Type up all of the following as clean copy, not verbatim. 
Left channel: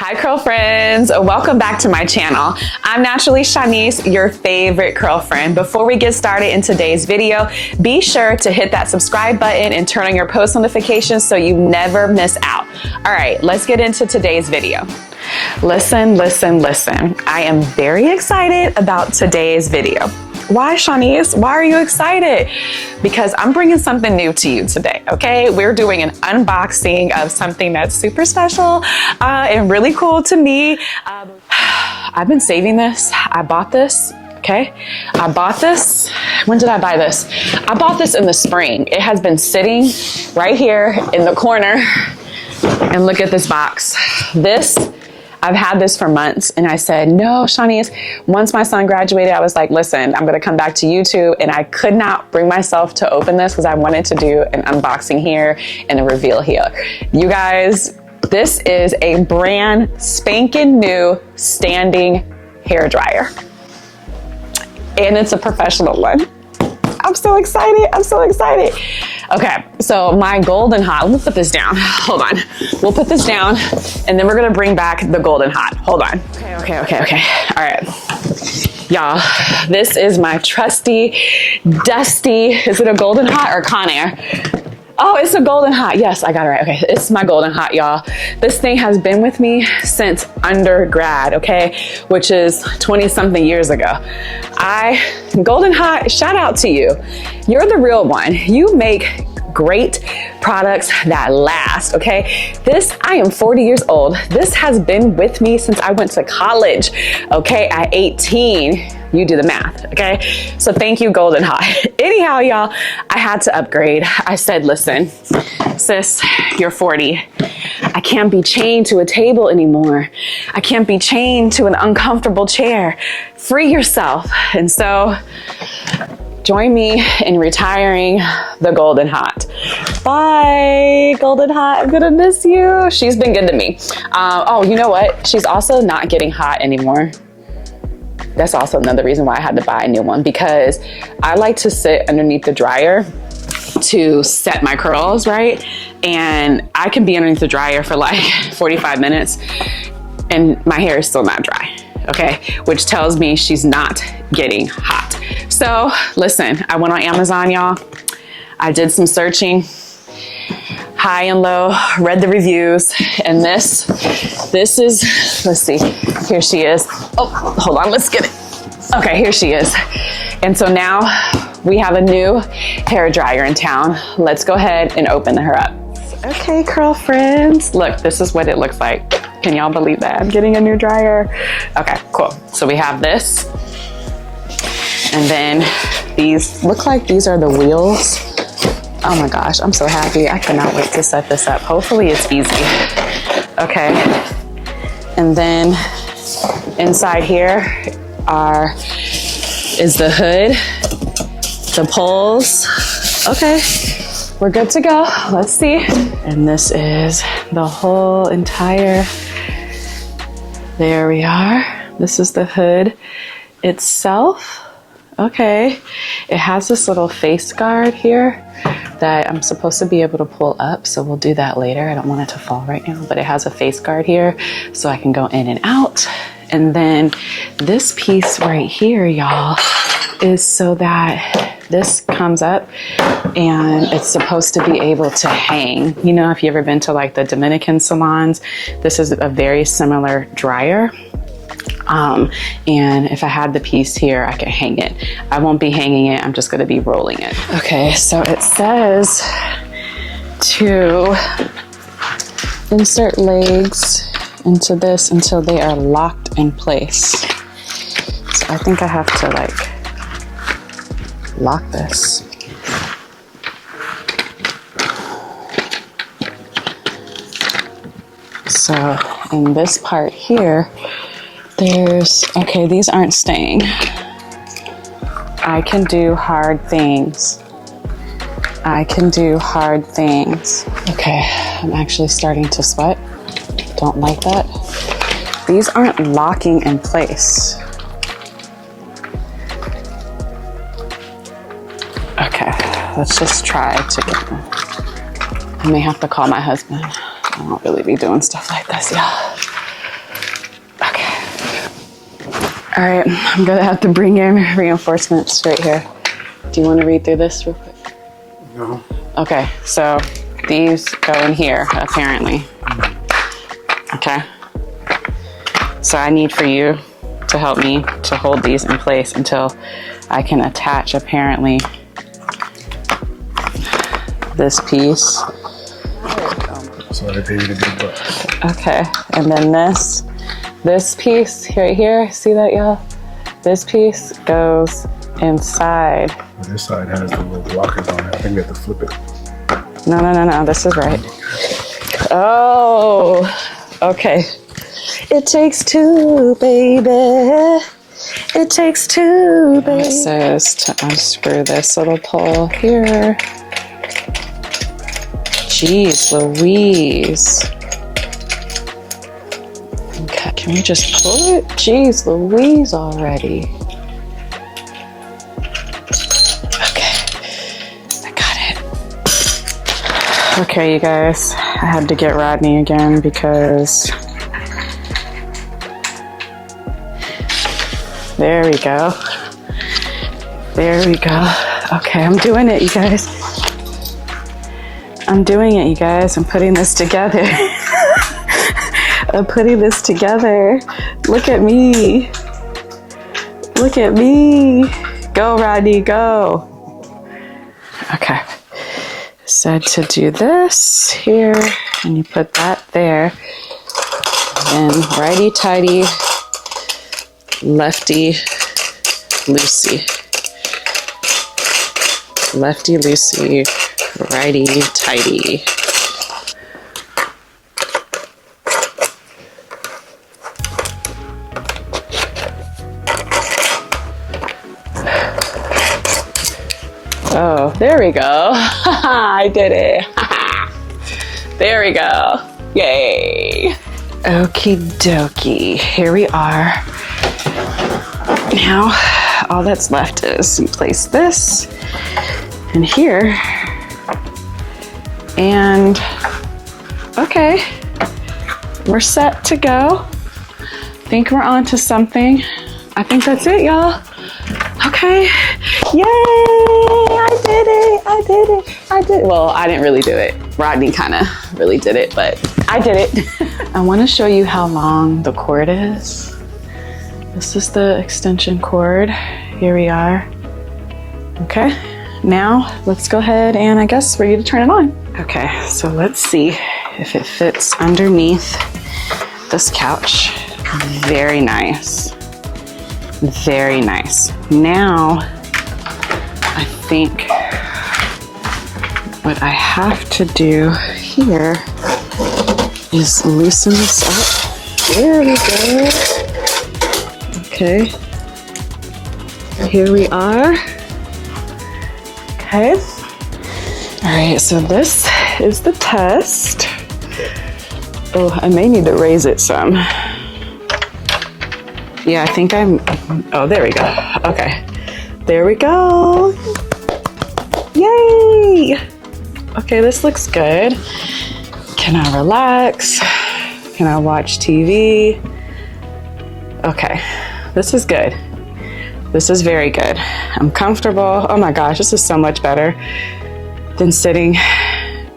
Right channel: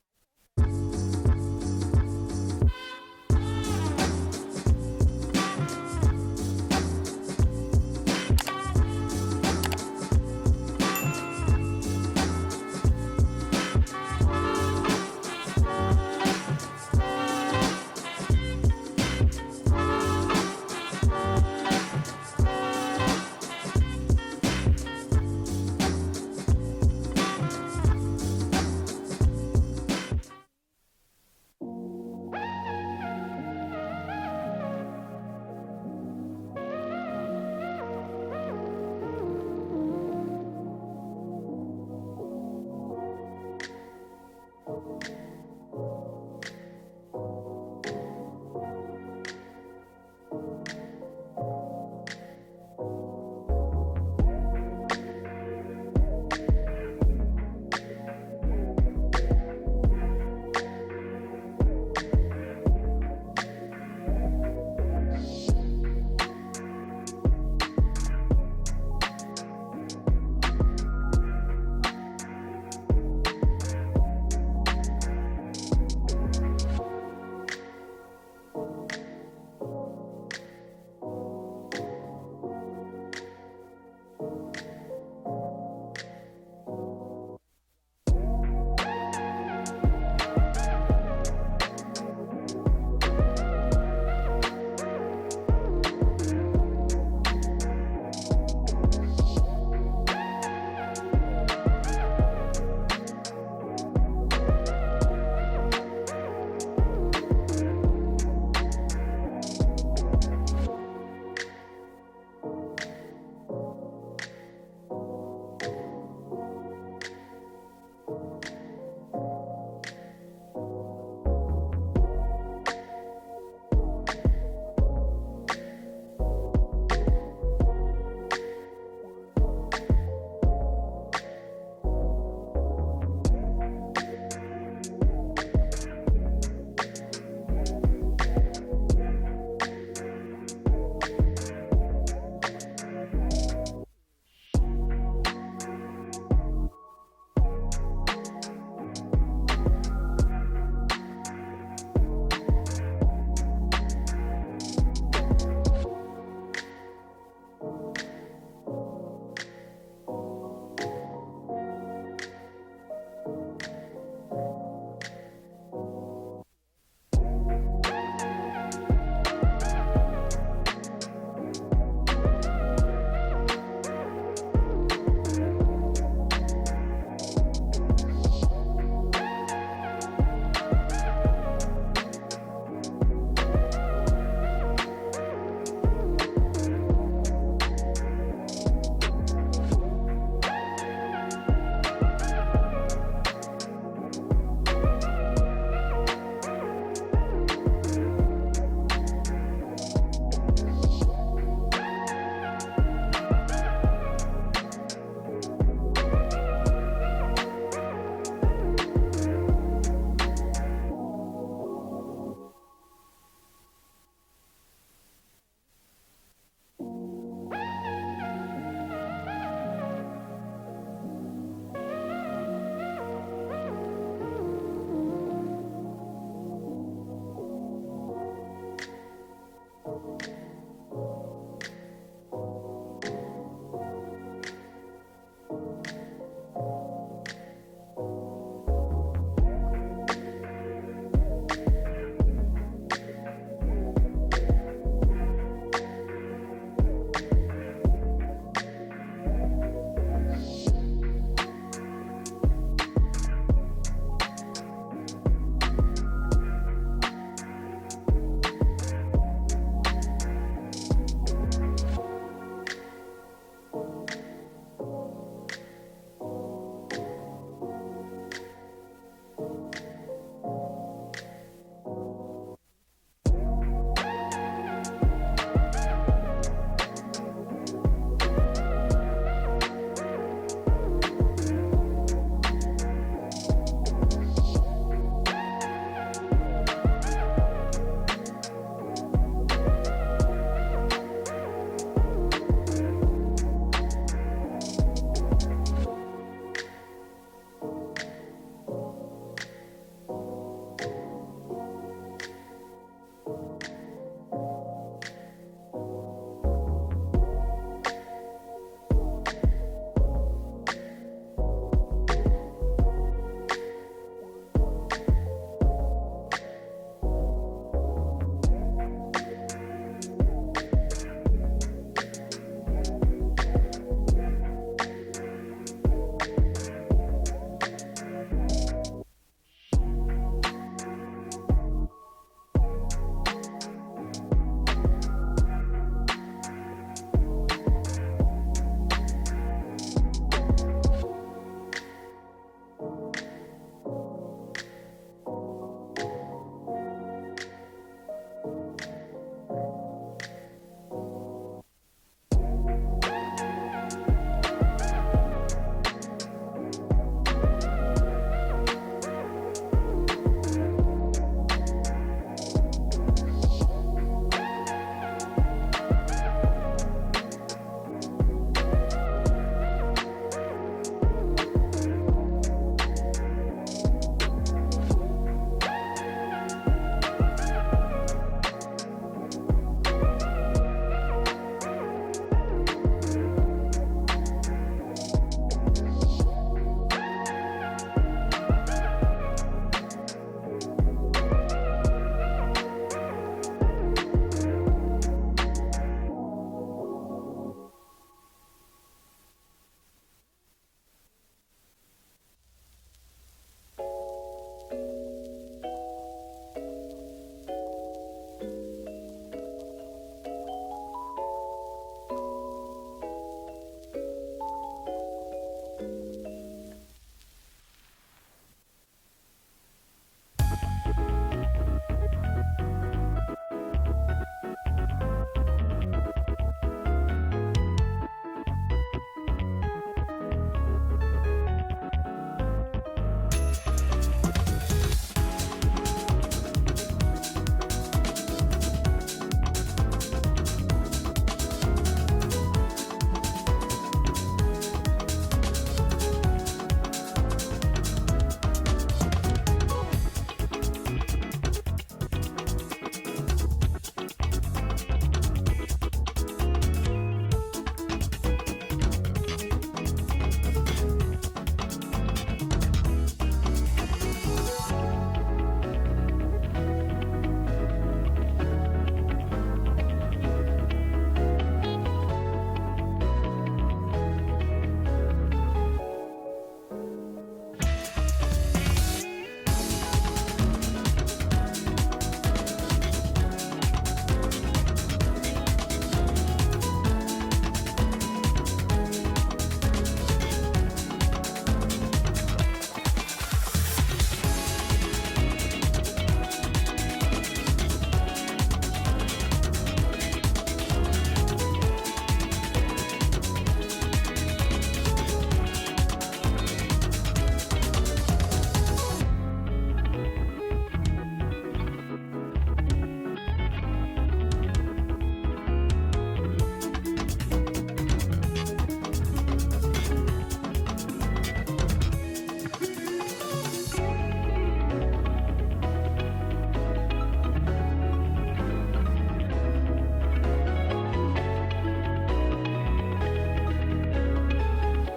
Hi curl friends, welcome back to my channel. I'm naturally Shanice, your favorite curl friend. Before we get started in today's video, be sure to hit that subscribe button and turn on your post notifications so you never miss out. All right, let's get into today's video. Listen. I am very excited about today's video. Why, Shanice? Why are you excited? Because I'm bringing something new to you today, okay? We're doing an unboxing of something that's super special and really cool to me. I've been saving this. I bought this, okay? I bought this. When did I buy this? I bought this in the spring. It has been sitting right here in the corner. And look at this box. I've had this for months, and I said, no, Shanice, once my son graduated, I was like, listen, I'm gonna come back to YouTube, and I could not bring myself to open this because I wanted to do an unboxing here and a reveal here. You guys, this is a brand spanking new standing hair dryer. And it's a professional one. I'm so excited. Okay, so my Golden Hot, let me put this down. Hold on. We'll put this down and then we're gonna bring back the Golden Hot. Hold on. Okay. All right. Y'all, this is my trusty, dusty, is it a Golden Hot or Conair? Oh, it's a Golden Hot. Yes, I got it right. Okay, it's my Golden Hot, y'all. This thing has been with me since undergrad, okay? Which is 20-something years ago. Golden Hot, shout out to you. You're the real one. You make great products that last, okay? I am 40 years old. This has been with me since I went to college, okay? At 18. You do the math, okay? So thank you, Golden Hot. Anyhow, y'all, I had to upgrade. I said, listen, sis, you're 40. I can't be chained to a table anymore. I can't be chained to an uncomfortable chair. Free yourself. And so join me in retiring the Golden Hot. Bye, Golden Hot, I'm gonna miss you. She's been good to me. Oh, you know what? She's also not getting hot anymore. That's also another reason why I had to buy a new one, because I like to sit underneath the dryer to set my curls, right? And I can be underneath the dryer for like 45 minutes and my hair is still not dry, okay? Which tells me she's not getting hot. So listen, I went on Amazon, y'all. I did some searching, high and low, read the reviews, and this is, let's see, here she is. Oh, hold on, let's get it. Okay, here she is. And so now we have a new hair dryer in town. Let's go ahead and open her up. Okay, curl friends. Look, this is what it looks like. Can y'all believe that? I'm getting a new dryer. Okay, cool. So we have this. And then these look like these are the wheels. Oh my gosh, I'm so happy. I cannot wait to set this up. Hopefully it's easy. Okay. And then inside here is the hood, the poles. Okay, we're good to go. Let's see. And this is the whole entire, there we are. This is the hood itself. Okay, it has this little face guard here that I'm supposed to be able to pull up, so we'll do that later. I don't want it to fall right now, but it has a face guard here so I can go in and out. And then this piece right here, y'all, is so that this comes up and it's supposed to be able to hang. You know, if you've ever been to like the Dominican salons, this is a very similar dryer. And if I had the piece here, I could hang it. I won't be hanging it, I'm just gonna be rolling it. Okay, so it says to insert legs into this until they are locked in place. So I think I have to like lock this. So in this part here, okay, these aren't staying. I can do hard things. Okay, I'm actually starting to sweat. Don't like that. These aren't locking in place. Okay, let's just try to get them. I may have to call my husband. I won't really be doing stuff like this, y'all. All right, I'm gonna have to bring in reinforcements right here. Do you want to read through this real quick? No. Okay, so these go in here, apparently. Okay. So I need for you to help me to hold these in place until I can attach, apparently, this piece. So I pay you to do what? Okay, and then this piece right here, see that, y'all? This piece goes inside. This side has the lockers on it. I think we have to flip it. No, this is right. Oh, okay. It takes two, baby. It takes two, baby. It says to unscrew this little pole here. Jeez Louise. Okay, can we just pull it? Jeez Louise already. Okay, you guys, I had to get Rodney again because there we go. There we go. Okay, I'm doing it, you guys. I'm doing it, you guys. I'm putting this together. I'm putting this together. Look at me. Look at me. Go, Rodney, go. Okay. Said to do this here, and you put that there, and righty tighty, lefty loosey, lefty loosey, righty tighty. Oh, there we go. I did it. There we go. Yay. Okie dokie. Here we are. Now, all that's left is you place this in here. And, okay. We're set to go. Think we're on to something. I think that's it, y'all. Okay. Yay! I did it! I did it! I did it! Well, I didn't really do it. Rodney kind of really did it, but I did it. I want to show you how long the cord is. This is the extension cord. Here we are. Okay. Now, let's go ahead and I guess ready to turn it on. Okay, so let's see if it fits underneath this couch. Very nice. Very nice. Now, I think what I have to do here is loosen this up. There we go. Okay. Here we are. Okay. All right, so this is the test. Oh, I may need to raise it some. Yeah, I think oh, there we go. Okay, there we go. Yay! Okay, this looks good. Can I relax? Can I watch TV? Okay, this is good. This is very good. I'm comfortable. Oh my gosh, this is so much better than sitting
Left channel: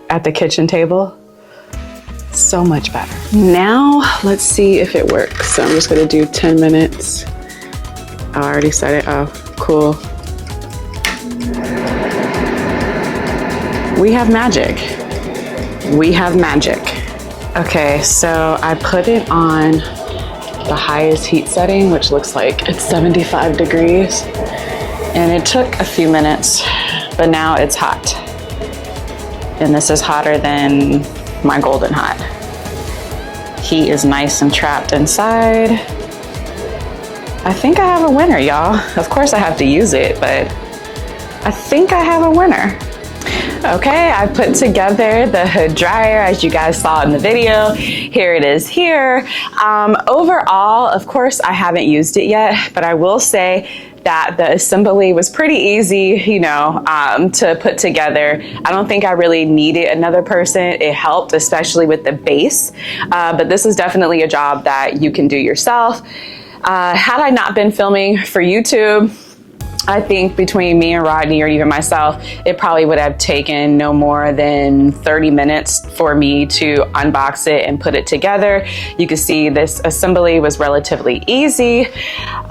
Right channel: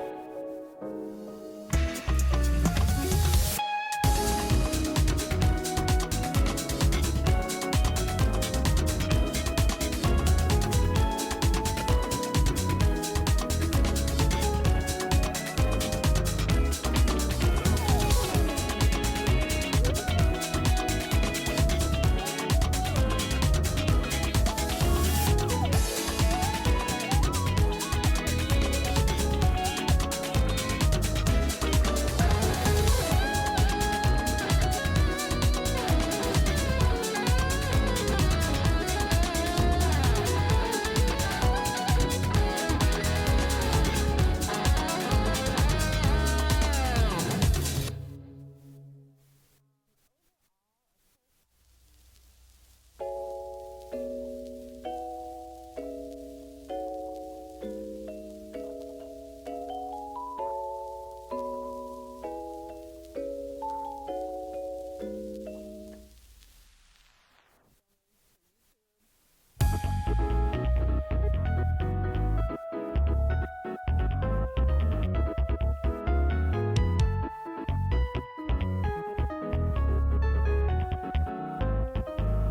at the kitchen table. So much better. Now, let's see if it works. So I'm just gonna do 10 minutes. Oh, I already set it. Oh, cool. We have magic. We have magic. Okay, so I put it on the highest heat setting, which looks like it's 75 degrees. And it took a few minutes, but now it's hot. And this is hotter than my Golden Hot. Heat is nice and trapped inside. I think I have a winner, y'all. Of course I have to use it, but I think I have a winner. Okay, I put together the hood dryer as you guys saw in the video. Here it is here. Overall, of course, I haven't used it yet, but I will say that the assembly was pretty easy, you know, to put together. I don't think I really needed another person. It helped, especially with the base, but this is definitely a job that you can do yourself. Had I not been filming for YouTube, I think between me and Rodney or even myself, it probably would have taken no more than 30 minutes for me to unbox it and put it together. You can see this assembly was relatively easy.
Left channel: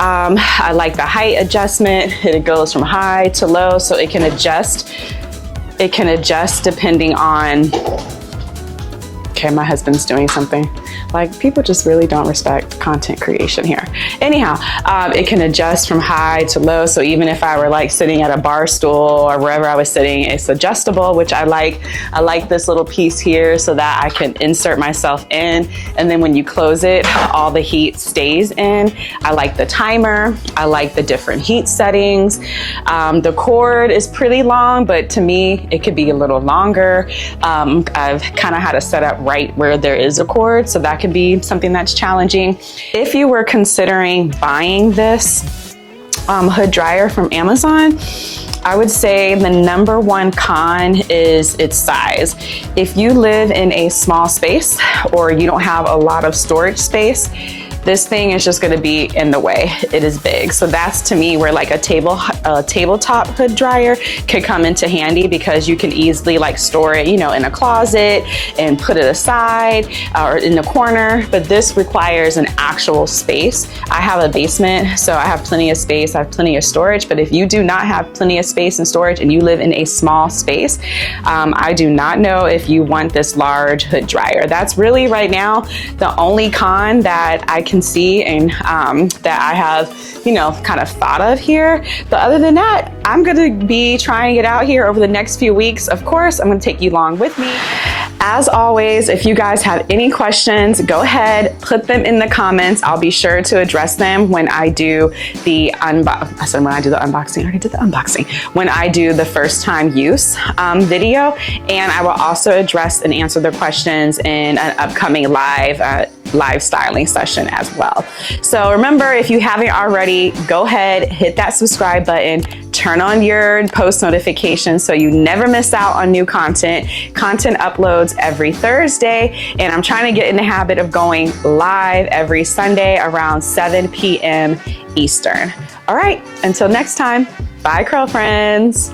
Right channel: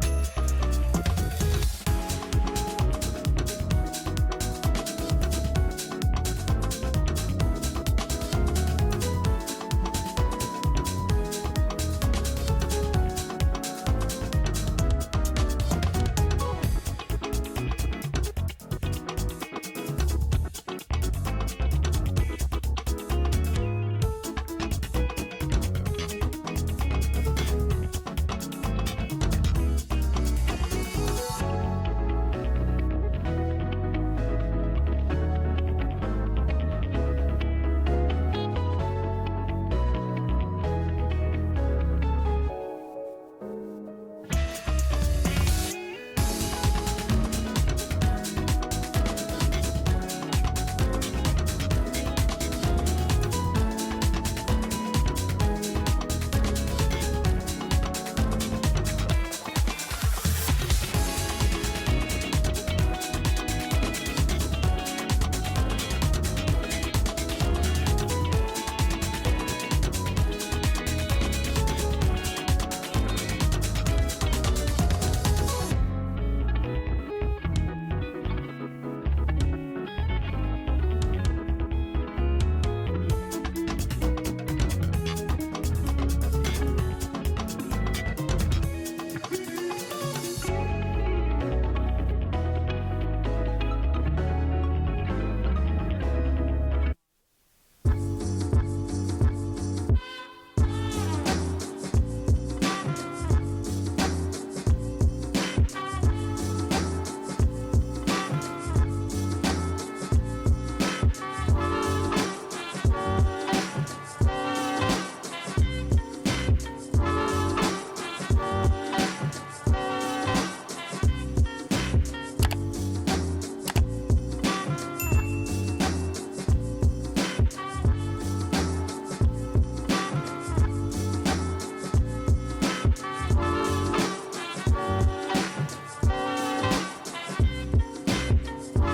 I like the height adjustment. It goes from high to low, so it can adjust. It can adjust depending on, okay, my husband's doing something. Like, people just really don't respect content creation here. Anyhow, it can adjust from high to low. So even if I were like sitting at a bar stool or wherever I was sitting, it's adjustable, which I like. I like this little piece here so that I can insert myself in. And then when you close it, all the heat stays in. I like the timer. I like the different heat settings. The cord is pretty long, but to me, it could be a little longer. I've kind of had it set up right where there is a cord, so that could be something that's challenging. If you were considering buying this hood dryer from Amazon, I would say the number one con is its size. If you live in a small space or you don't have a lot of storage space, this thing is just gonna be in the way. It is big. So that's, to me, where like a tabletop hood dryer could come into handy, because you can easily like store it, you know, in a closet and put it aside or in the corner. But this requires an actual space. I have a basement, so I have plenty of space. I have plenty of storage. But if you do not have plenty of space and storage and you live in a small space, I do not know if you want this large hood dryer. That's really right now the only con that I can see and that I have, you know, kind of thought of here. But other than that, I'm gonna be trying it out here over the next few weeks. Of course, I'm gonna take you along with me. As always, if you guys have any questions, go ahead, put them in the comments. I'll be sure to address them when I do the unboxing. I already did the unboxing. When I do the first time use video, and I will also address and answer the questions in an upcoming live styling session as well. So remember, if you haven't already, go ahead, hit that subscribe button, turn on your post notifications so you never miss out on new content. Content uploads every Thursday, and I'm trying to get in the habit of going live every Sunday around 7 p.m. Eastern. All right, until next time, bye, curl friends.